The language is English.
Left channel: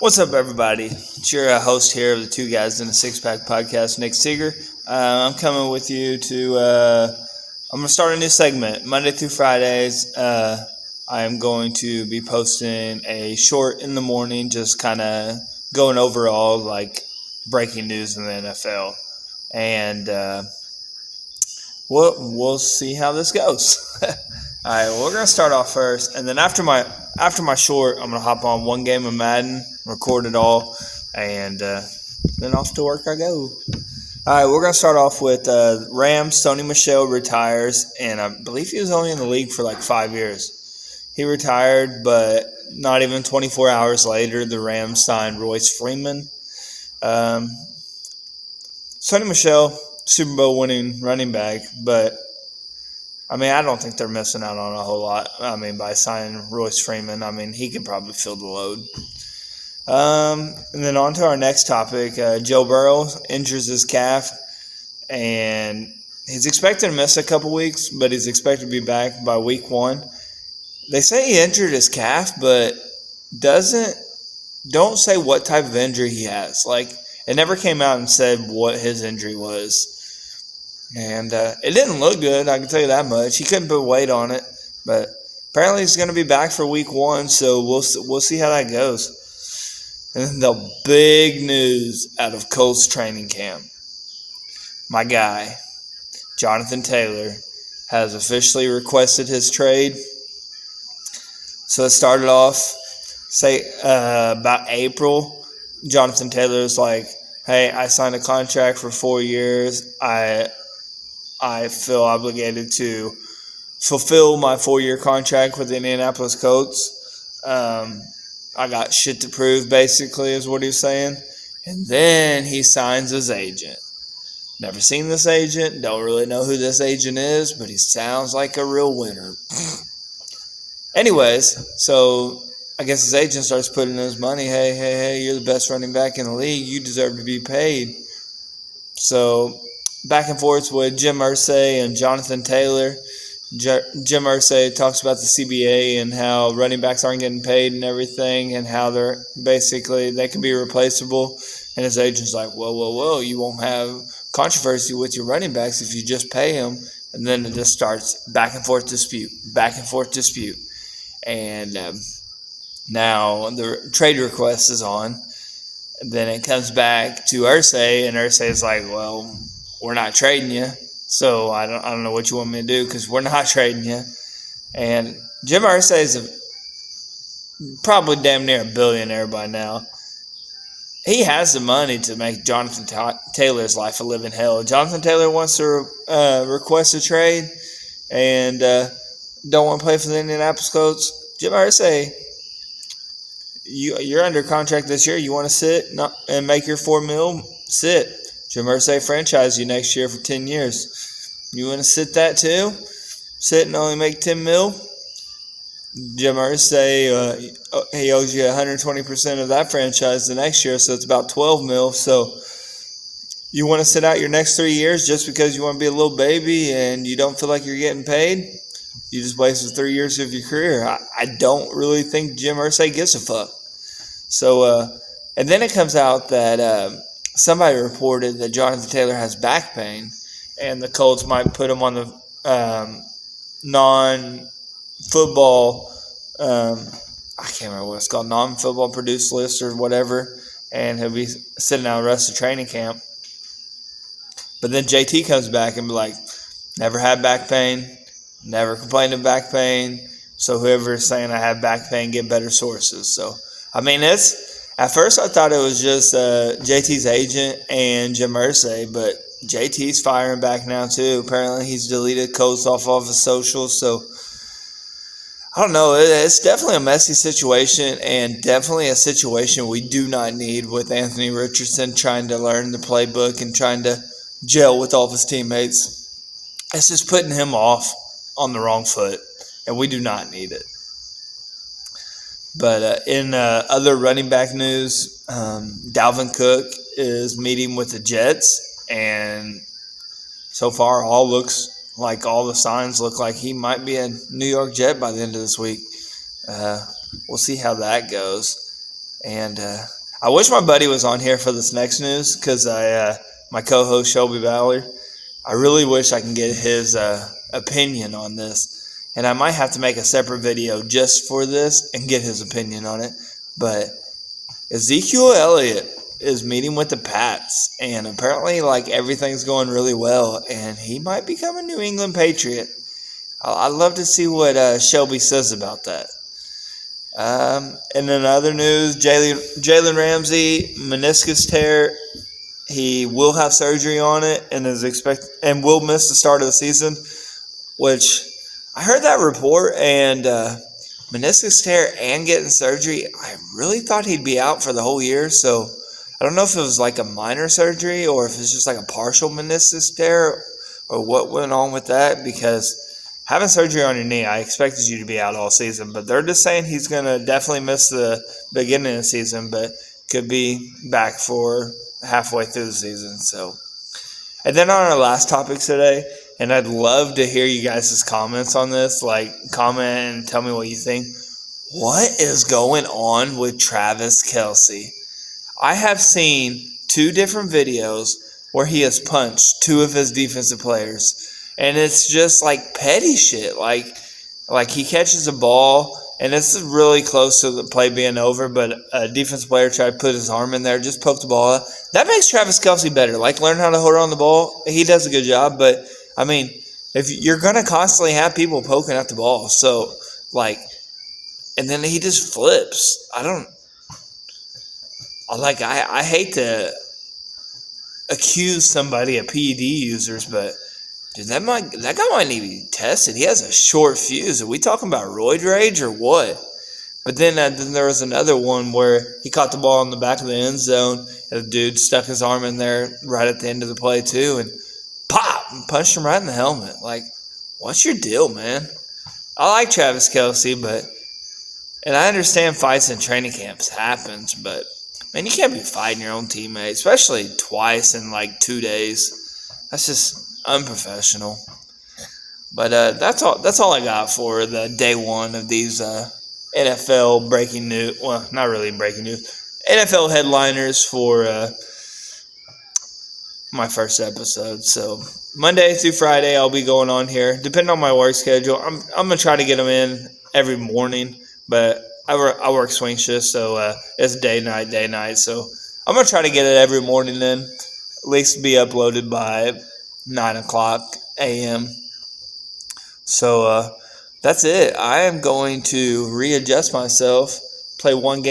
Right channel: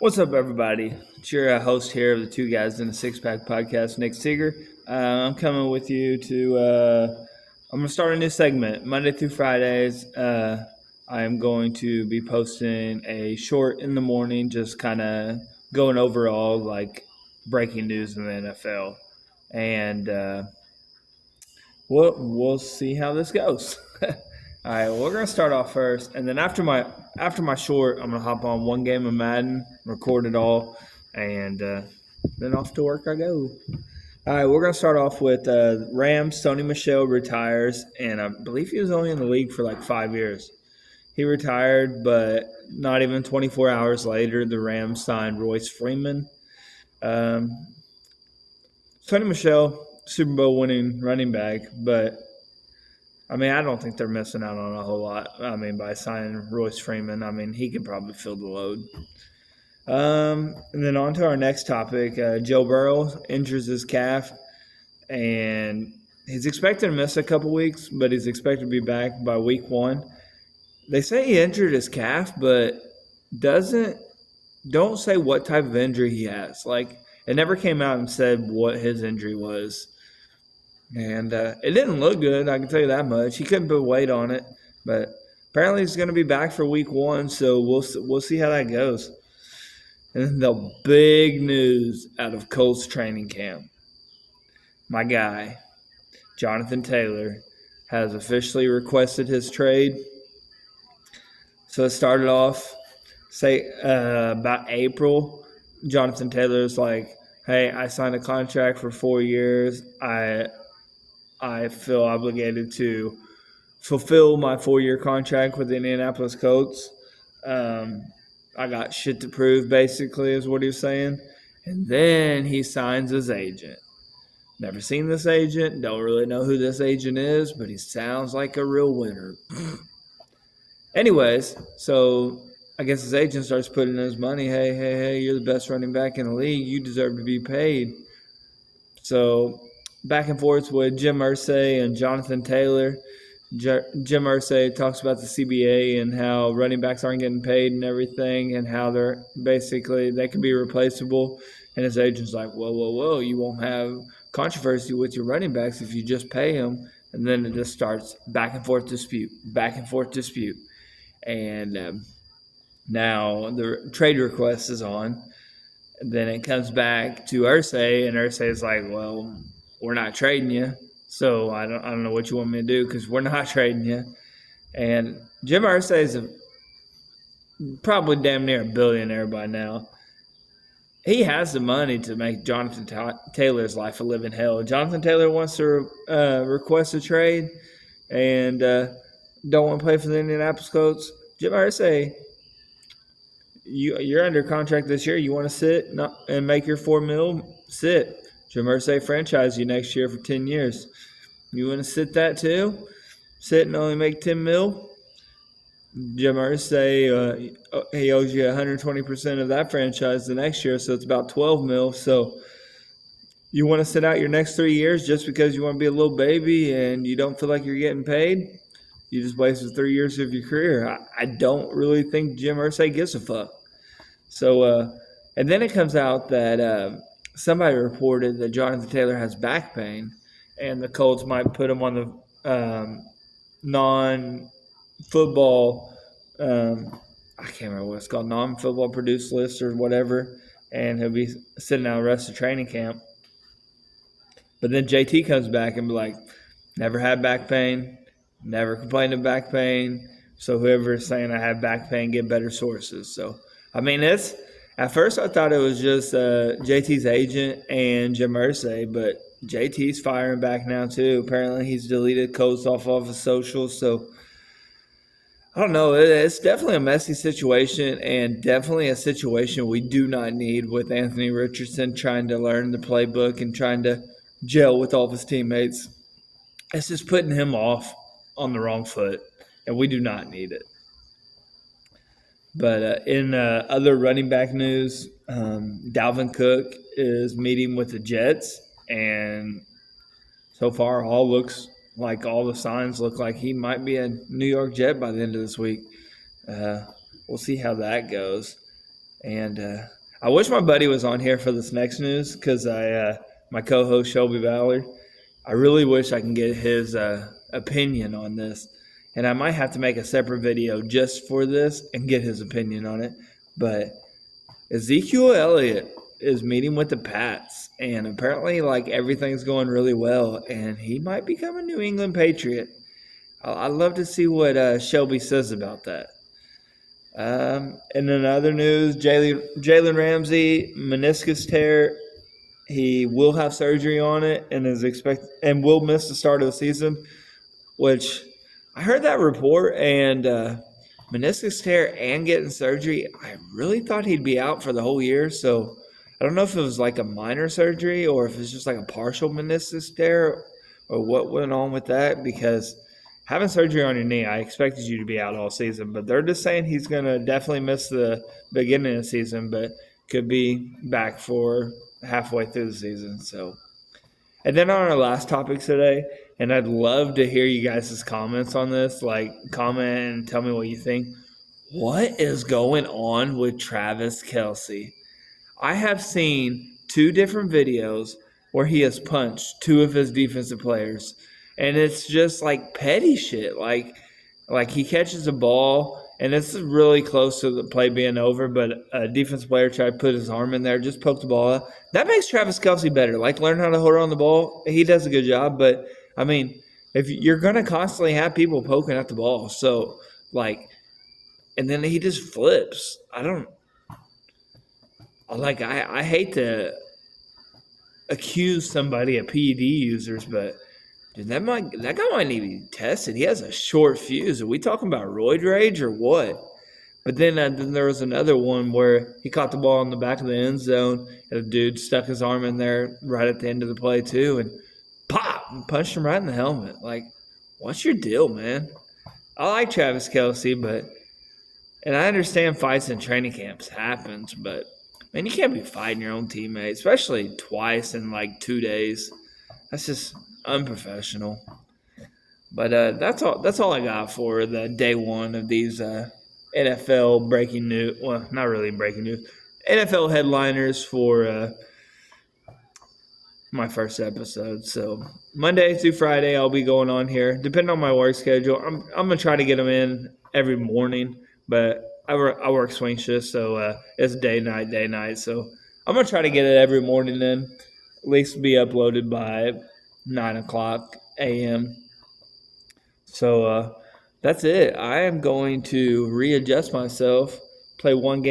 What's up, everybody? It's your host here of the Two Guys in a Six-Pack podcast, Nick Seger. I'm coming with you to, I'm going to start a new segment. Monday through Fridays, I am going to be posting a short in the morning, just kind of going over all, breaking news in the NFL. And we'll see how this goes. All right, well, we're going to start off first, and then after my short, I'm going to hop on one game of Madden, record it all, and then off to work I go. All right, we're going to start off with Rams. Sony Michel retires, and I believe he was only in the league for 5 years. He retired, but not even 24 hours later, the Rams signed Royce Freeman. Sony Michel, Super Bowl winning running back, but I don't think they're missing out on a whole lot. By signing Royce Freeman, he could probably fill the load. And then on to our next topic. Joe Burrow injures his calf, and he's expected to miss a couple weeks, but he's expected to be back by week 1. They say he injured his calf, but don't say what type of injury he has. It never came out and said what his injury was. And it didn't look good, I can tell you that much. He couldn't put weight on it, but apparently he's going to be back for week 1, so we'll see how that goes. And the big news out of Colts training camp. My guy, Jonathan Taylor, has officially requested his trade. So it started off, about April. Jonathan Taylor's like, hey, I signed a contract for 4 years. I feel obligated to fulfill my 4-year contract with the Indianapolis Colts. I got shit to prove, basically, is what he was saying. And then he signs his agent. Never seen this agent. Don't really know who this agent is, but he sounds like a real winner. Anyways, so I guess his agent starts putting in his money. Hey, you're the best running back in the league. You deserve to be paid. So back and forth with Jim Irsay and Jonathan Taylor. Jim Irsay talks about the CBA and how running backs aren't getting paid and everything, and how they can be replaceable. And his agent's like, whoa, you won't have controversy with your running backs if you just pay them. And then it just starts back and forth dispute. And now the trade request is on. And then it comes back to Irsay, and Irsay's like, well, we're not trading you, so I don't know what you want me to do, because we're not trading you. And Jim Irsay is probably damn near a billionaire by now. He has the money to make Jonathan Taylor's life a living hell. Jonathan Taylor wants to request a trade and don't want to play for the Indianapolis Colts. Jim Irsay, you're under contract this year. You want to sit and make your $4 million? Sit. Jim Irsay franchise you next year for 10 years. You want to sit that too? Sit and only make $10 million? Jim Irsay, he owes you 120% of that franchise the next year, so it's about $12 million. So you want to sit out your next 3 years just because you want to be a little baby and you don't feel like you're getting paid? You just wasted 3 years of your career. I don't really think Jim Irsay gives a fuck. So, and then it comes out that somebody reported that Jonathan Taylor has back pain, and the Colts might put him on the non-football, I can't remember what it's called, non-football produced list or whatever, and he'll be sitting out the rest of training camp. But then JT comes back and be like, never had back pain, never complained of back pain, so whoever is saying I have back pain, get better sources. So, at first I thought it was just JT's agent and Jim Irsay, but JT's firing back now too. Apparently he's deleted Colts off his socials, so I don't know. It's definitely a messy situation, and definitely a situation we do not need, with Anthony Richardson trying to learn the playbook and trying to gel with all of his teammates. It's just putting him off on the wrong foot, and we do not need it. But in other running back news, Dalvin Cook is meeting with the Jets, and so far all the signs look like he might be a New York Jet by the end of this week. We'll see how that goes. And I wish my buddy was on here for this next news because my co-host Seger-Ballard. I really wish I can get his opinion on this. And I might have to make a separate video just for this and get his opinion on it. But Ezekiel Elliott is meeting with the Pats, and apparently, everything's going really well, and he might become a New England Patriot. I'd love to see what Shelby says about that. And in other news, Jalen Ramsey, meniscus tear. He will have surgery on it and will miss the start of the season, which I heard that report, and meniscus tear and getting surgery, I really thought he'd be out for the whole year. So I don't know if it was a minor surgery or if it's just a partial meniscus tear or what went on with that, because having surgery on your knee, I expected you to be out all season. But they're just saying he's going to definitely miss the beginning of the season, but could be back for halfway through the season. So, and then on our last topic today, and I'd love to hear you guys' comments on this. Comment and tell me what you think. What is going on with Travis Kelce? I have seen 2 different videos where he has punched 2 of his defensive players. And it's just petty shit. Like he catches a ball, and it's really close to the play being over, but a defensive player tried to put his arm in there, just poke the ball up. That makes Travis Kelce better. Learn how to hold on the ball. He does a good job, but I mean, if you're gonna constantly have people poking at the ball, so and then he just flips. I hate to accuse somebody of PED users, but dude, that guy might need to be tested. He has a short fuse. Are we talking about roid rage or what? But then there was another one where he caught the ball in the back of the end zone, and the dude stuck his arm in there right at the end of the play too, and pop, and punched him right in the helmet. What's your deal, man? I like Travis Kelce, and I understand fights in training camps happens, but man, you can't be fighting your own teammate, especially twice in 2 days. That's just unprofessional. But that's all I got for the day one of these NFL breaking news. Well, not really breaking news. NFL headliners for my first episode. So Monday through Friday, I'll be going on here. Depending on my work schedule, I'm gonna try to get them in every morning. But I work swing shifts, so it's day night. So I'm gonna try to get it every morning then, at least be uploaded by 9:00 a.m. So that's it. I am going to readjust myself, play one game